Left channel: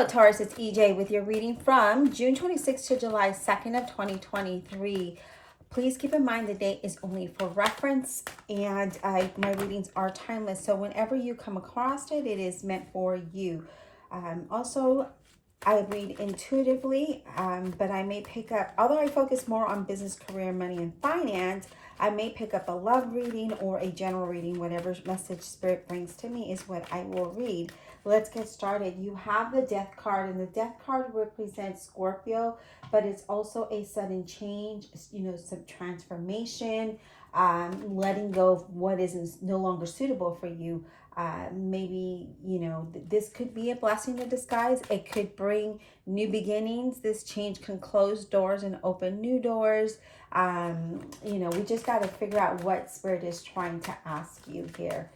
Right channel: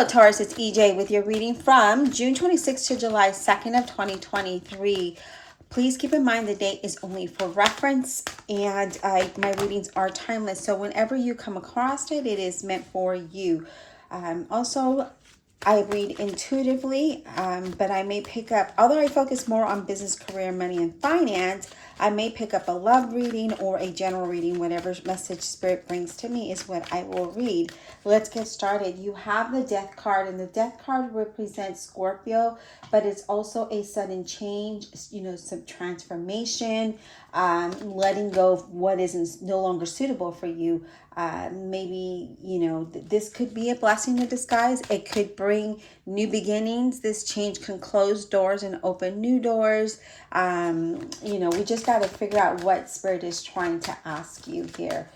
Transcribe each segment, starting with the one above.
Hello, Taurus. It's EJ with your reading from June 26th to July 2nd of 2023. Please keep in mind the date is only for reference, and my readings are timeless. So whenever you come across it, it is meant for you. Also, I read intuitively, but I may pick up, although I focus more on business, career, money, and finance, I may pick up a love reading or a general reading. Whatever message Spirit brings to me is what I will read. Let's get started. You have the Death card, and the Death card represents Scorpio, but it's also a sudden change, some transformation, letting go of what is no longer suitable for you. Maybe, this could be a blessing in disguise. It could bring new beginnings. This change can close doors and open new doors. We just got to figure out what Spirit is trying to ask you here.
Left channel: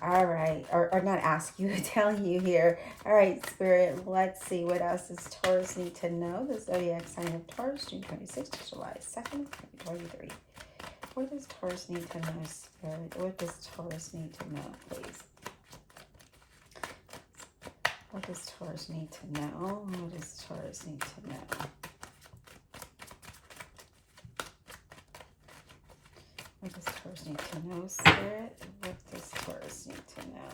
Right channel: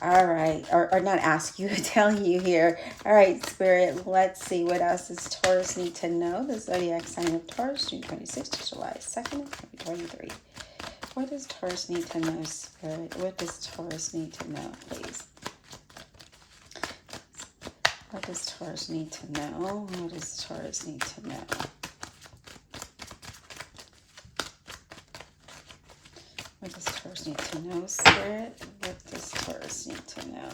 All right, or not ask you, tell you here. All right, Spirit, let's see what else does Taurus need to know. The zodiac sign of Taurus, June 26th to July 2nd, 2023. What does Taurus need to know, Spirit? What does Taurus need to know, please? What does Taurus need to know? What does Taurus need to know? What does Taurus need to know, Spirit? What does Taurus need to know?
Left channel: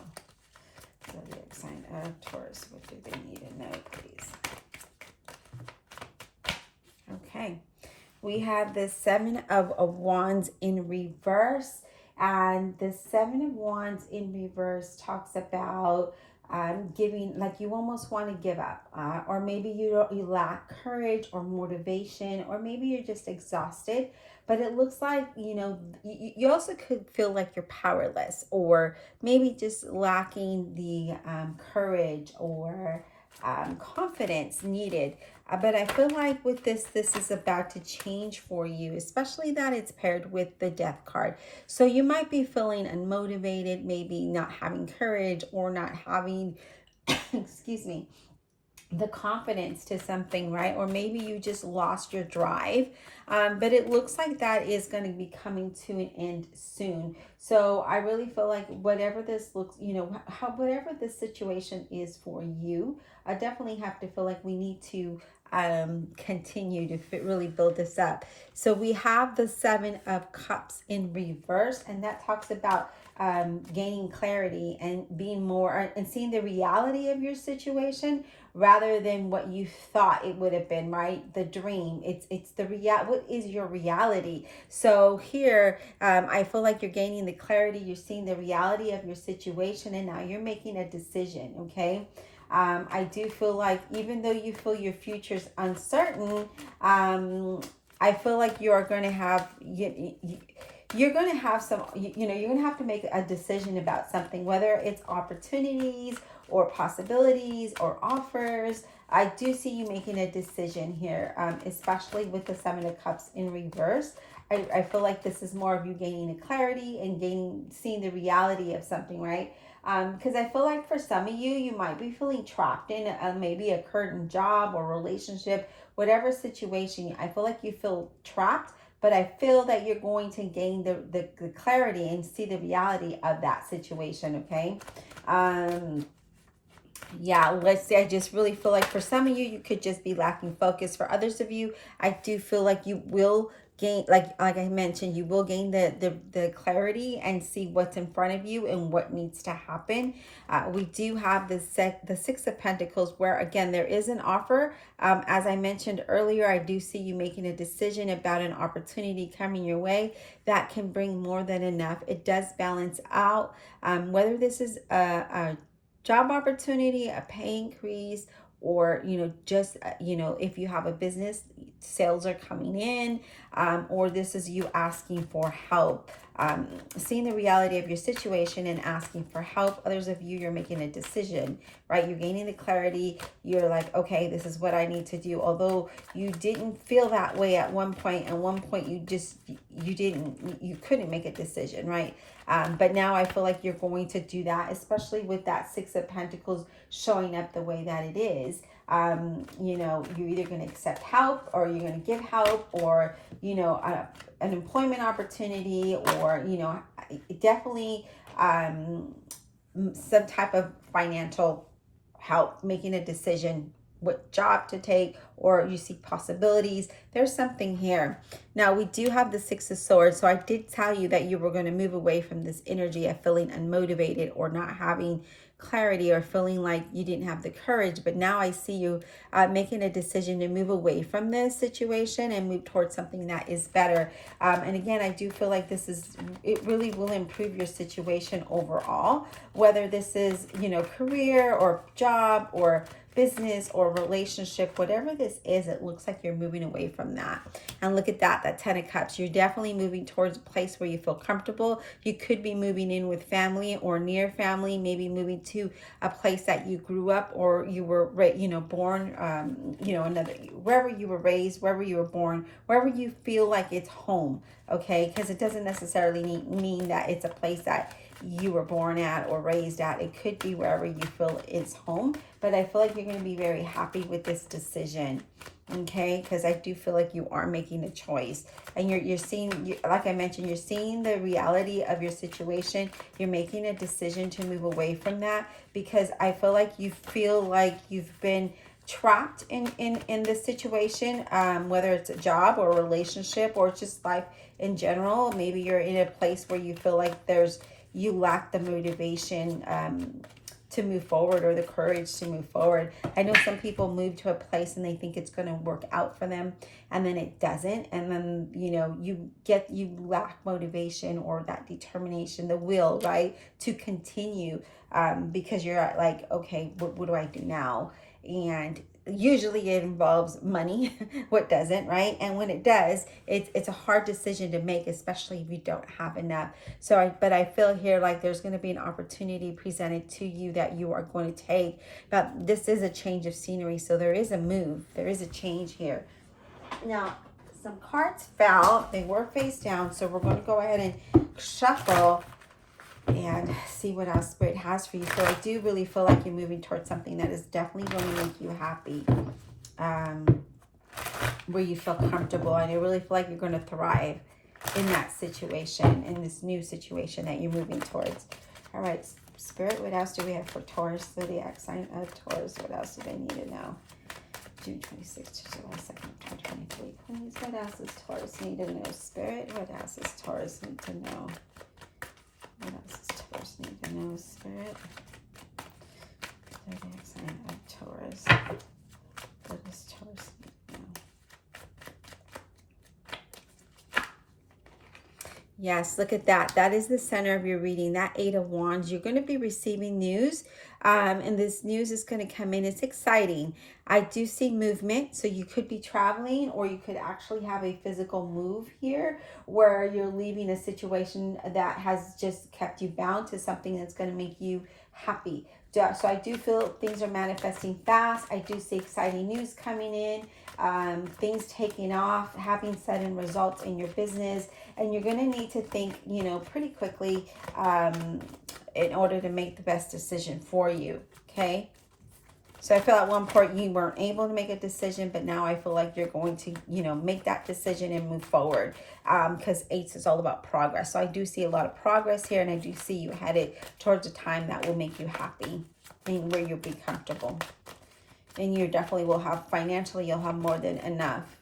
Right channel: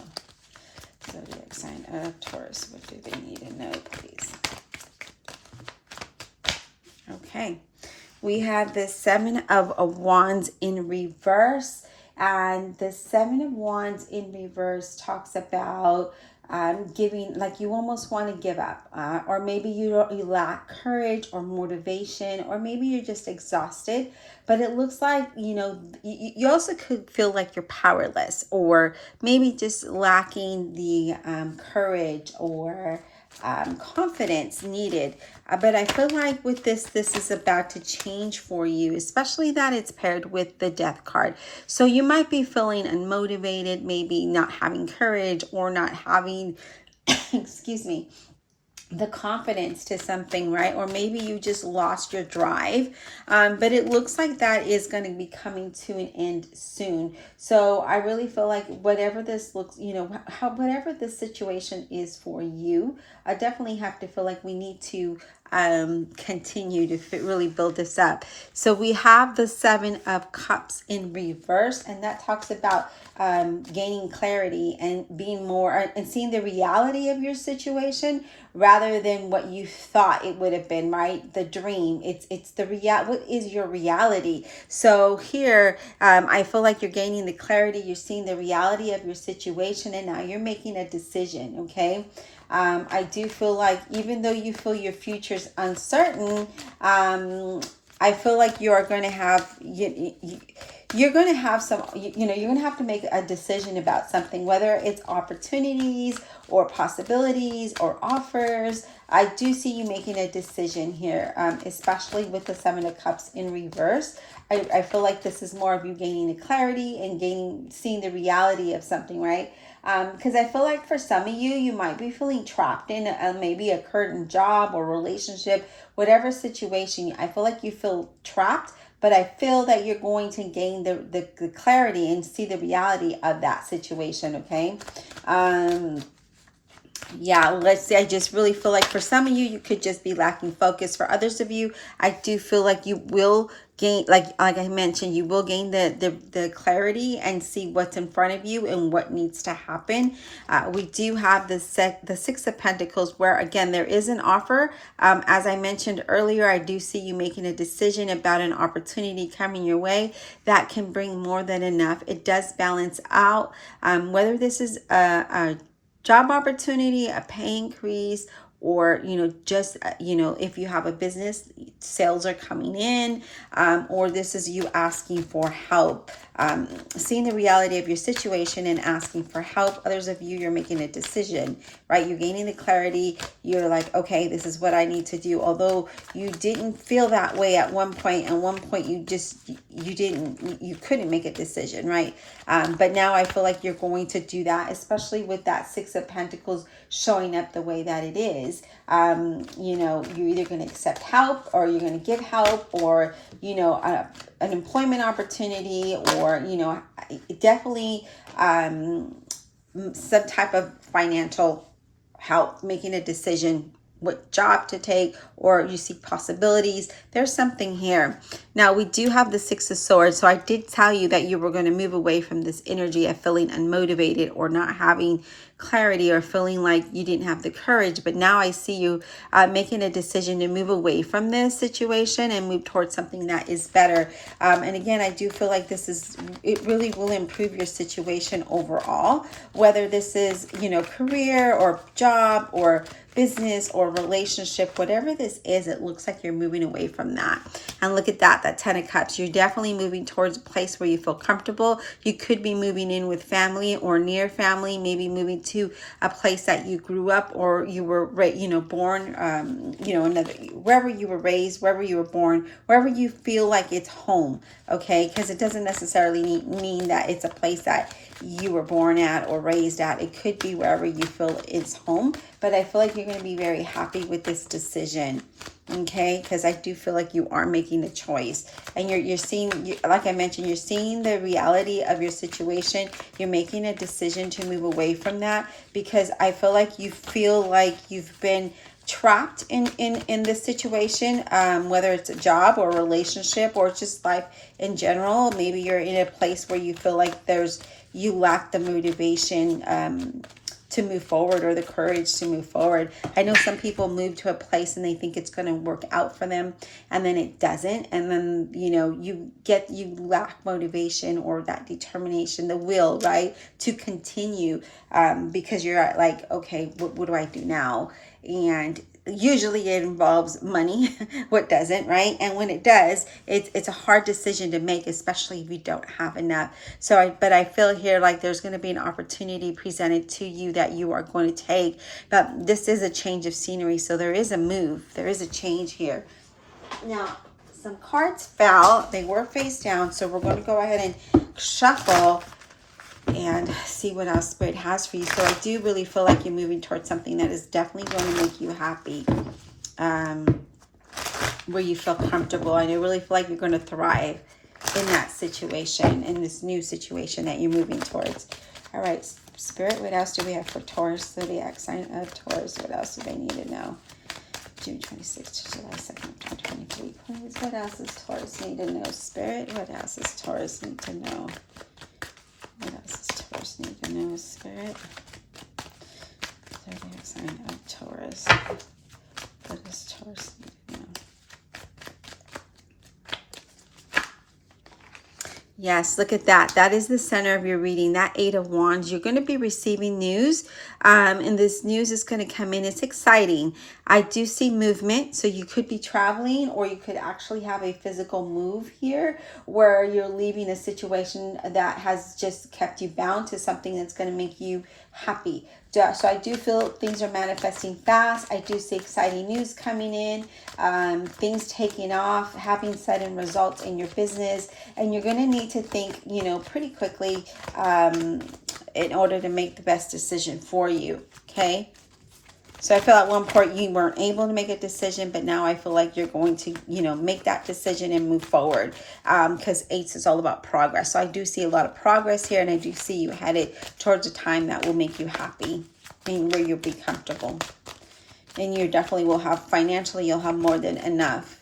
Zodiac sign of Taurus, what do they need to know, please? Okay. We have the Seven of Wands in reverse, and the Seven of Wands in reverse talks about giving, like you almost want to give up, or maybe you lack courage or motivation, or maybe you're just exhausted. But it looks like, you also could feel like you're powerless, or maybe just lacking the courage or confidence needed. But I feel like with this is about to change for you, especially that it's paired with the Death card. So you might be feeling unmotivated, maybe not having courage or not having, excuse me, the confidence to something, right? Or maybe you just lost your drive. But it looks like that is going to be coming to an end soon. So I really feel like whatever this looks, whatever this situation is for you, I definitely have to feel like we need to continue to really build this up. So we have the Seven of Cups in reverse, and that talks about gaining clarity and being more and seeing the reality of your situation rather than what you thought it would have been, right? The dream. It's the what is your reality? So here, I feel like you're gaining the clarity, you're seeing the reality of your situation, and now you're making a decision, okay? I do feel like even though you feel your future's uncertain, I feel like you are going to have you're going to have some, you're going to have to make a decision about something, whether it's opportunities or possibilities or offers. I do see you making a decision here, especially with the Seven of Cups in reverse. I feel like this is more of you gaining the clarity and seeing the reality of something, right? Because I feel like for some of you might be feeling trapped in maybe a current job or relationship, whatever situation. I feel like you feel trapped, but I feel that you're going to gain the clarity and see the reality of that situation, okay? Yeah, let's say I just really feel like for some of you could just be lacking focus. For others of you, I do feel like you will gain, like I mentioned, you will gain the clarity and see what's in front of you and what needs to happen. We do have the Six of Pentacles, where again there is an offer. As I mentioned earlier, I do see you making a decision about an opportunity coming your way that can bring more than enough. It does balance out, whether this is a job opportunity, a pay increase, or just if you have a business, sales are coming in, or this is you asking for help, seeing the reality of your situation and asking for help. Others of you, you're making a decision, right? You're gaining the clarity. You're like, okay, this is what I need to do. Although you didn't feel that way at one point, you couldn't make a decision, right? But now I feel like you're going to do that, especially with that Six of Pentacles showing up the way that it is. You're either going to accept help, or you're going to give help, or an employment opportunity, or definitely some type of financial help making a decision what job to take, or you see possibilities. There's something here. Now we do have the Six of Swords. So I did tell you that you were going to move away from this energy of feeling unmotivated or not having clarity or feeling like you didn't have the courage. But now I see you making a decision to move away from this situation and move towards something that is better. And again, I do feel like it really will improve your situation overall, whether this is, career or job or business or relationship, whatever this is, it looks like you're moving away from that. And look at that 10 of Cups. You're definitely moving towards a place where you feel comfortable. You could be moving in with family or near family, maybe moving to a place that you grew up or you were, born, wherever you were raised, wherever you were born, wherever you feel like it's home, okay? Because it doesn't necessarily mean that it's a place that you were born at or raised at. It could be wherever you feel it's home, but I feel like you're going to be very happy with this decision, okay? Because I do feel like you are making a choice, and you're seeing, like I mentioned, you're seeing the reality of your situation. You're making a decision to move away from that, because I feel like you feel like you've been trapped in this situation, whether it's a job or a relationship or just life in general. Maybe you're in a place where you feel like you lack the motivation to move forward or the courage to move forward. I know some people move to a place and they think it's going to work out for them, and then it doesn't. And then, you lack motivation or that determination, the will, right, to continue, because you're like, okay, what do I do now? And usually it involves money. What doesn't, right? And when it does, it's a hard decision to make, especially if you don't have enough. But I feel here like there's going to be an opportunity presented to you that you are going to take. But this is a change of scenery, so there is a move. There is a change here. Now, some cards fell. They were face down, so we're going to go ahead and shuffle and see what else Spirit has for you. So I do really feel like you're moving towards something that is definitely going to make you happy, where you feel comfortable. And I really feel like you're going to thrive in that situation, in this new situation that you're moving towards. All right, Spirit, what else do we have for Taurus, zodiac sign of Taurus? What else do they need to know? June 26th to July 2nd, 2023. Please, what else does Taurus need to know? Spirit, what else does Taurus need to know? What else does Taurus need to know, Spirit? Zodiac sign of Taurus. What does Taurus need to know? Yes, look at that. That is the center of your reading, that 8 of Wands. You're going to be receiving news, and this news is going to come in. It's exciting. I do see movement, so you could be traveling, or you could actually have a physical move here where you're leaving a situation that has just kept you bound to something that's going to make you happy. So I do feel things are manifesting fast. I do see exciting news coming in, things taking off, having sudden results in your business. And you're going to need to think, pretty quickly in order to make the best decision for you, okay? So I feel at one point you weren't able to make a decision, but now I feel like you're going to, make that decision and move forward, because 8 is all about progress. So I do see a lot of progress here, and I do see you headed towards a time that will make you happy and where you'll be comfortable. And you definitely will have, financially, you'll have more than enough.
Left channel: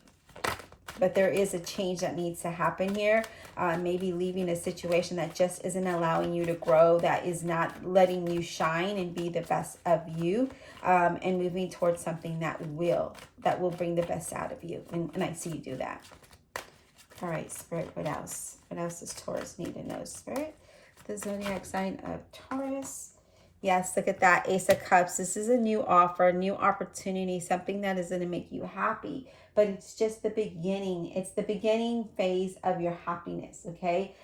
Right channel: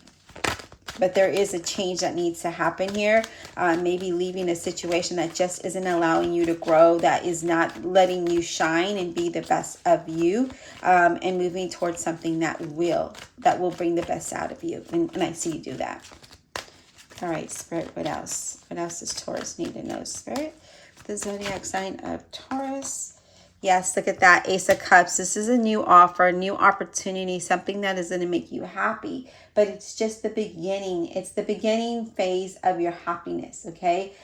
But there is a change that needs to happen here. Maybe leaving a situation that just isn't allowing you to grow, that is not letting you shine and be the best of you, and moving towards something that will bring the best out of you. And I see you do that. All right, Spirit, what else? What else does Taurus need to know, Spirit? The zodiac sign of Taurus. Yes, look at that, Ace of Cups. This is a new offer, a new opportunity, something that is going to make you happy. But it's just the beginning. It's the beginning phase of your happiness, okay?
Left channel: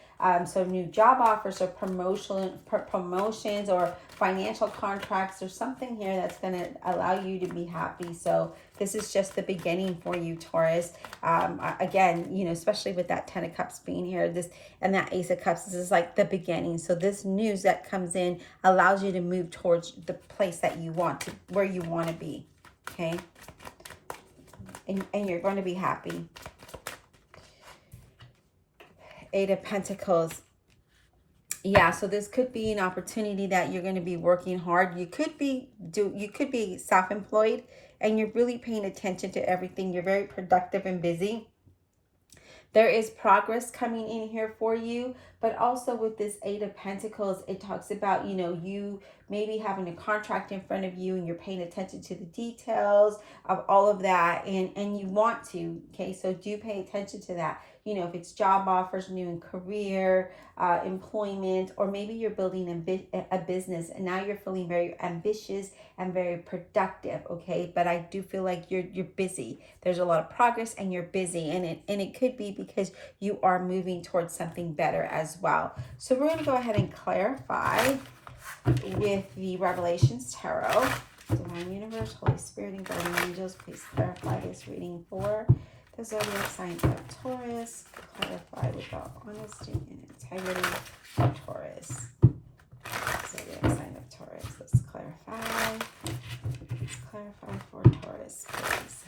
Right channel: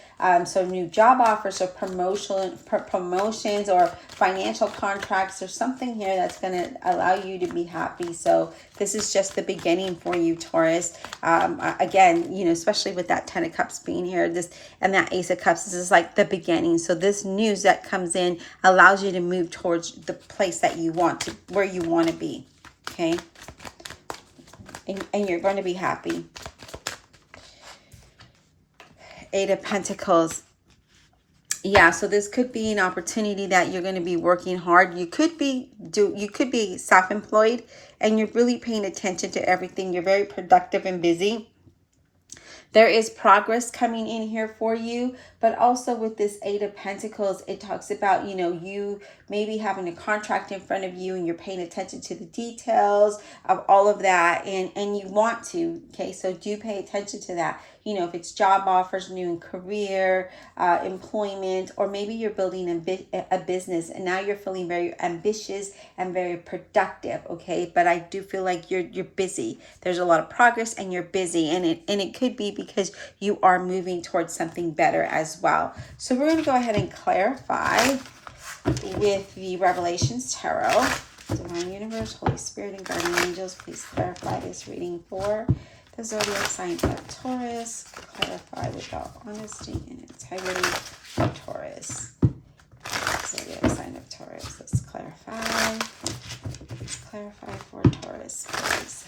So new job offers or promotions or financial contracts or something here that's going to allow you to be happy. So this is just the beginning for you, Taurus. Again, especially with that 10 of Cups being here, and that Ace of Cups, this is like the beginning. So this news that comes in allows you to move towards the place that you want to, where you want to be, okay? And you're going to be happy. 8 of Pentacles. Yeah, so this could be an opportunity that you're going to be working hard. You could be self-employed and you're really paying attention to everything. You're very productive and busy. There is progress coming in here for you, but also with this Eight of Pentacles, it talks about, you maybe having a contract in front of you and you're paying attention to the details of all of that, and you want to, okay? So do pay attention to that. If it's job offers, new career, employment, or maybe you're building a business and now you're feeling very ambitious and very productive, okay? But I do feel like you're busy. There's a lot of progress and you're busy, and it could be because you are moving towards something better as well. So we're going to go ahead and clarify with the Revelations Tarot. Divine Universe, Holy Spirit, and Guardian Angels, please clarify this reading for the zodiac sign of Taurus. Clarify without honesty and integrity for Taurus. Zodiac sign of Taurus. Let's clarify. Let's clarify for Taurus, please.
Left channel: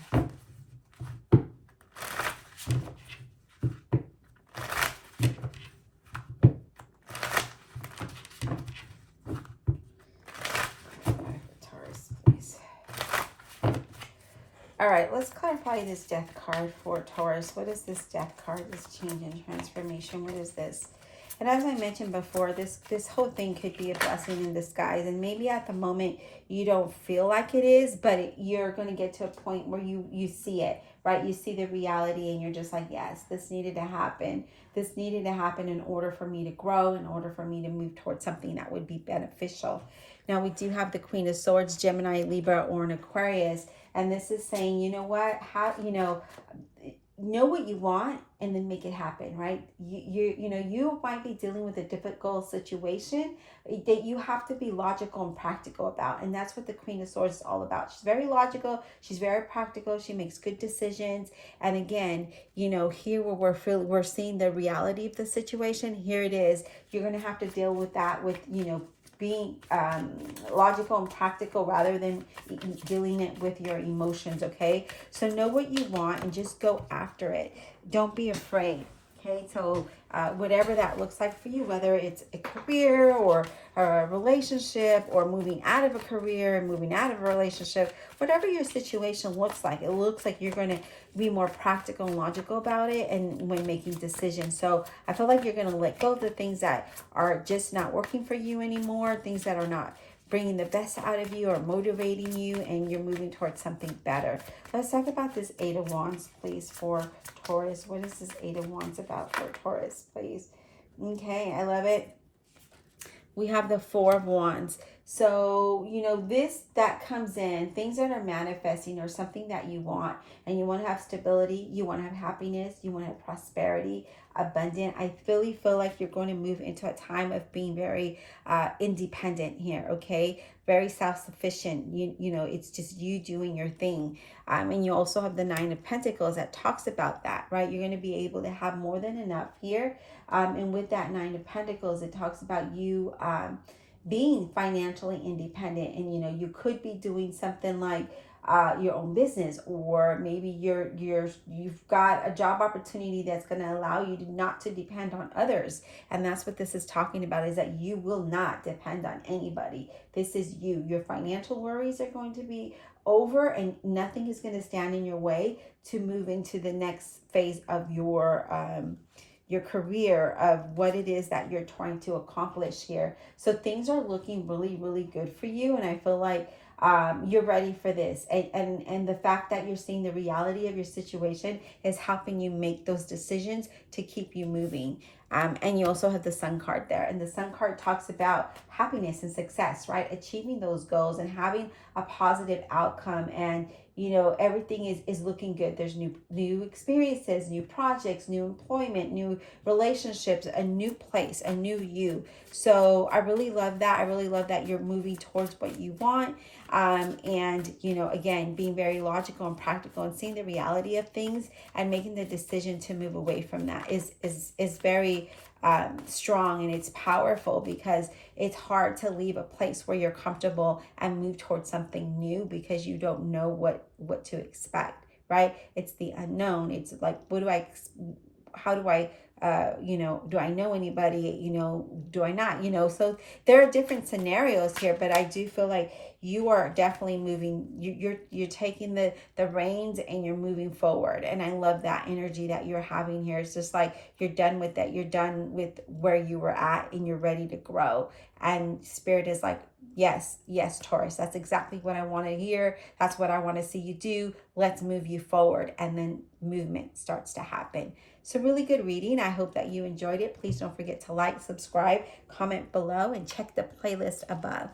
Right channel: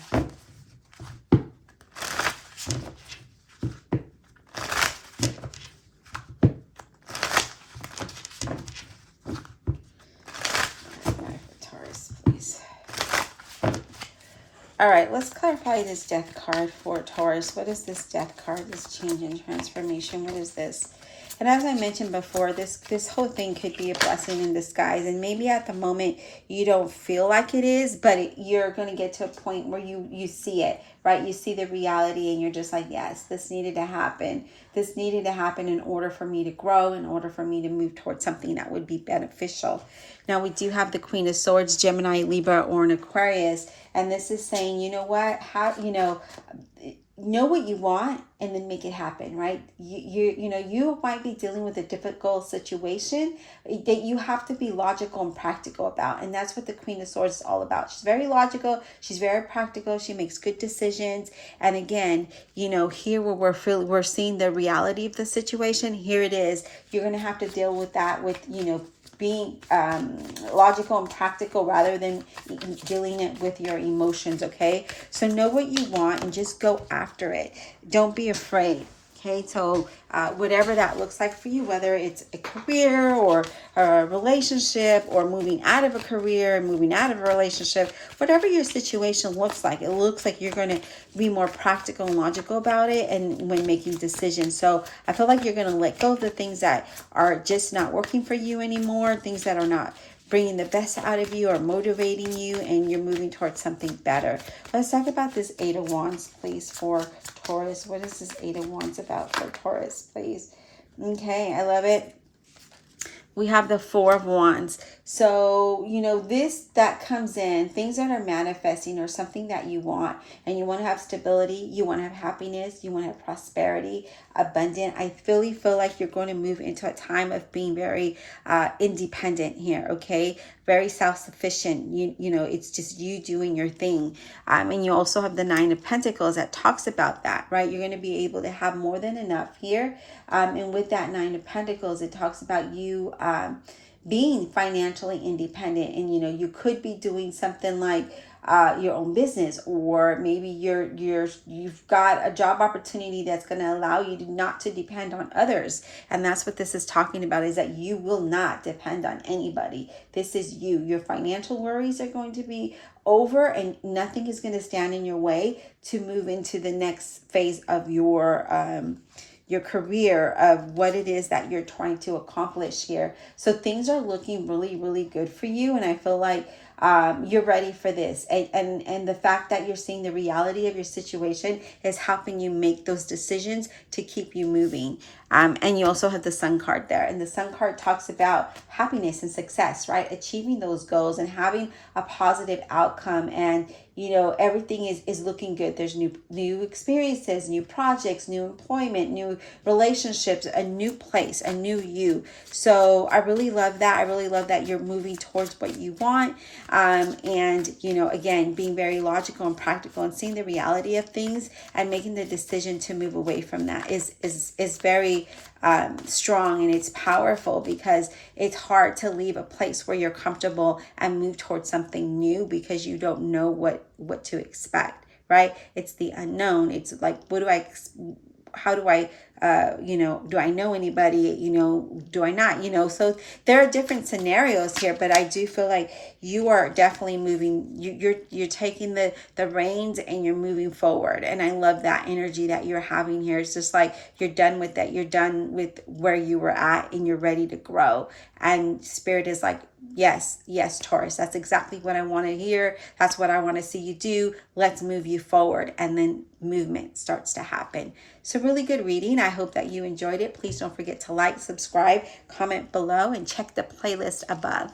All right, let's clarify this death card for Taurus. What is this death card, this change and transformation? What is this? And as I mentioned before, this whole thing could be a blessing in disguise. And maybe at the moment you don't feel like it is, but you're going to get to a point where you see it, right? You see the reality and you're just like, yes, this needed to happen. This needed to happen in order for me to grow, in order for me to move towards something that would be beneficial. Now, we do have the Queen of Swords, Gemini, Libra, or an Aquarius. And this is saying, you know what, know what you want and then make it happen, right? You might be dealing with a difficult situation that you have to be logical and practical about. And that's what the Queen of Swords is all about. She's very logical. She's very practical. She makes good decisions. And again, here where we're seeing the reality of the situation, here it is. You're going to have to deal with that with, being logical and practical rather than dealing it with your emotions, okay? So know what you want and just go after it. Don't be afraid, okay? So whatever that looks like for you, whether it's a career or a relationship or moving out of a career and moving out of a relationship, whatever your situation looks like, it looks like you're going to be more practical and logical about it and when making decisions. So I feel like you're going to let go of the things that are just not working for you anymore, things that are not bringing the best out of you or motivating you, and you're moving towards something better. Let's talk about this Eight of Wands, please, for Taurus. What is this Eight of Wands about for Taurus, please? Okay, I love it. We have the Four of Wands. So, this that comes in, things that are manifesting or something that you want, and you want to have stability, you want to have happiness, you want to have prosperity, abundant. I really feel like you're going to move into a time of being very independent here, okay? Very self-sufficient. It's just you doing your thing. And you also have the Nine of Pentacles that talks about that, right? You're going to be able to have more than enough here. And with that Nine of Pentacles, it talks about you being financially independent. And, you could be doing something like your own business, or maybe you've got a job opportunity that's going to allow you not to depend on others. And that's what this is talking about, is that you will not depend on anybody. This is you. Your financial worries are going to be over, and nothing is going to stand in your way to move into the next phase of your career, of what it is that you're trying to accomplish here. So things are looking really, really good for you. And I feel like you're ready for this. And the fact that you're seeing the reality of your situation is helping you make those decisions to keep you moving. And you also have the Sun card there. And the Sun card talks about happiness and success, right? Achieving those goals and having a positive outcome. And everything is looking good. There's new experiences, new projects, new employment, new relationships, a new place, a new you. So I really love that. I really love that you're moving towards what you want. And again, being very logical and practical and seeing the reality of things and making the decision to move away from that is very strong, and it's powerful, because it's hard to leave a place where you're comfortable and move towards something new because you don't know what to expect, right? It's the unknown. It's like, how do I do I know anybody? Do I not? So there are different scenarios here, but I do feel like you are definitely moving. You're taking the reins and you're moving forward. And I love that energy that you're having here. It's just like you're done with that. You're done with where you were at and you're ready to grow. And Spirit is like, yes, yes, Taurus, that's exactly what I want to hear. That's what I want to see you do. Let's move you forward. And then movement starts to happen. So really good reading. I hope that you enjoyed it. Please don't forget to like, subscribe, comment below, and check the playlist above.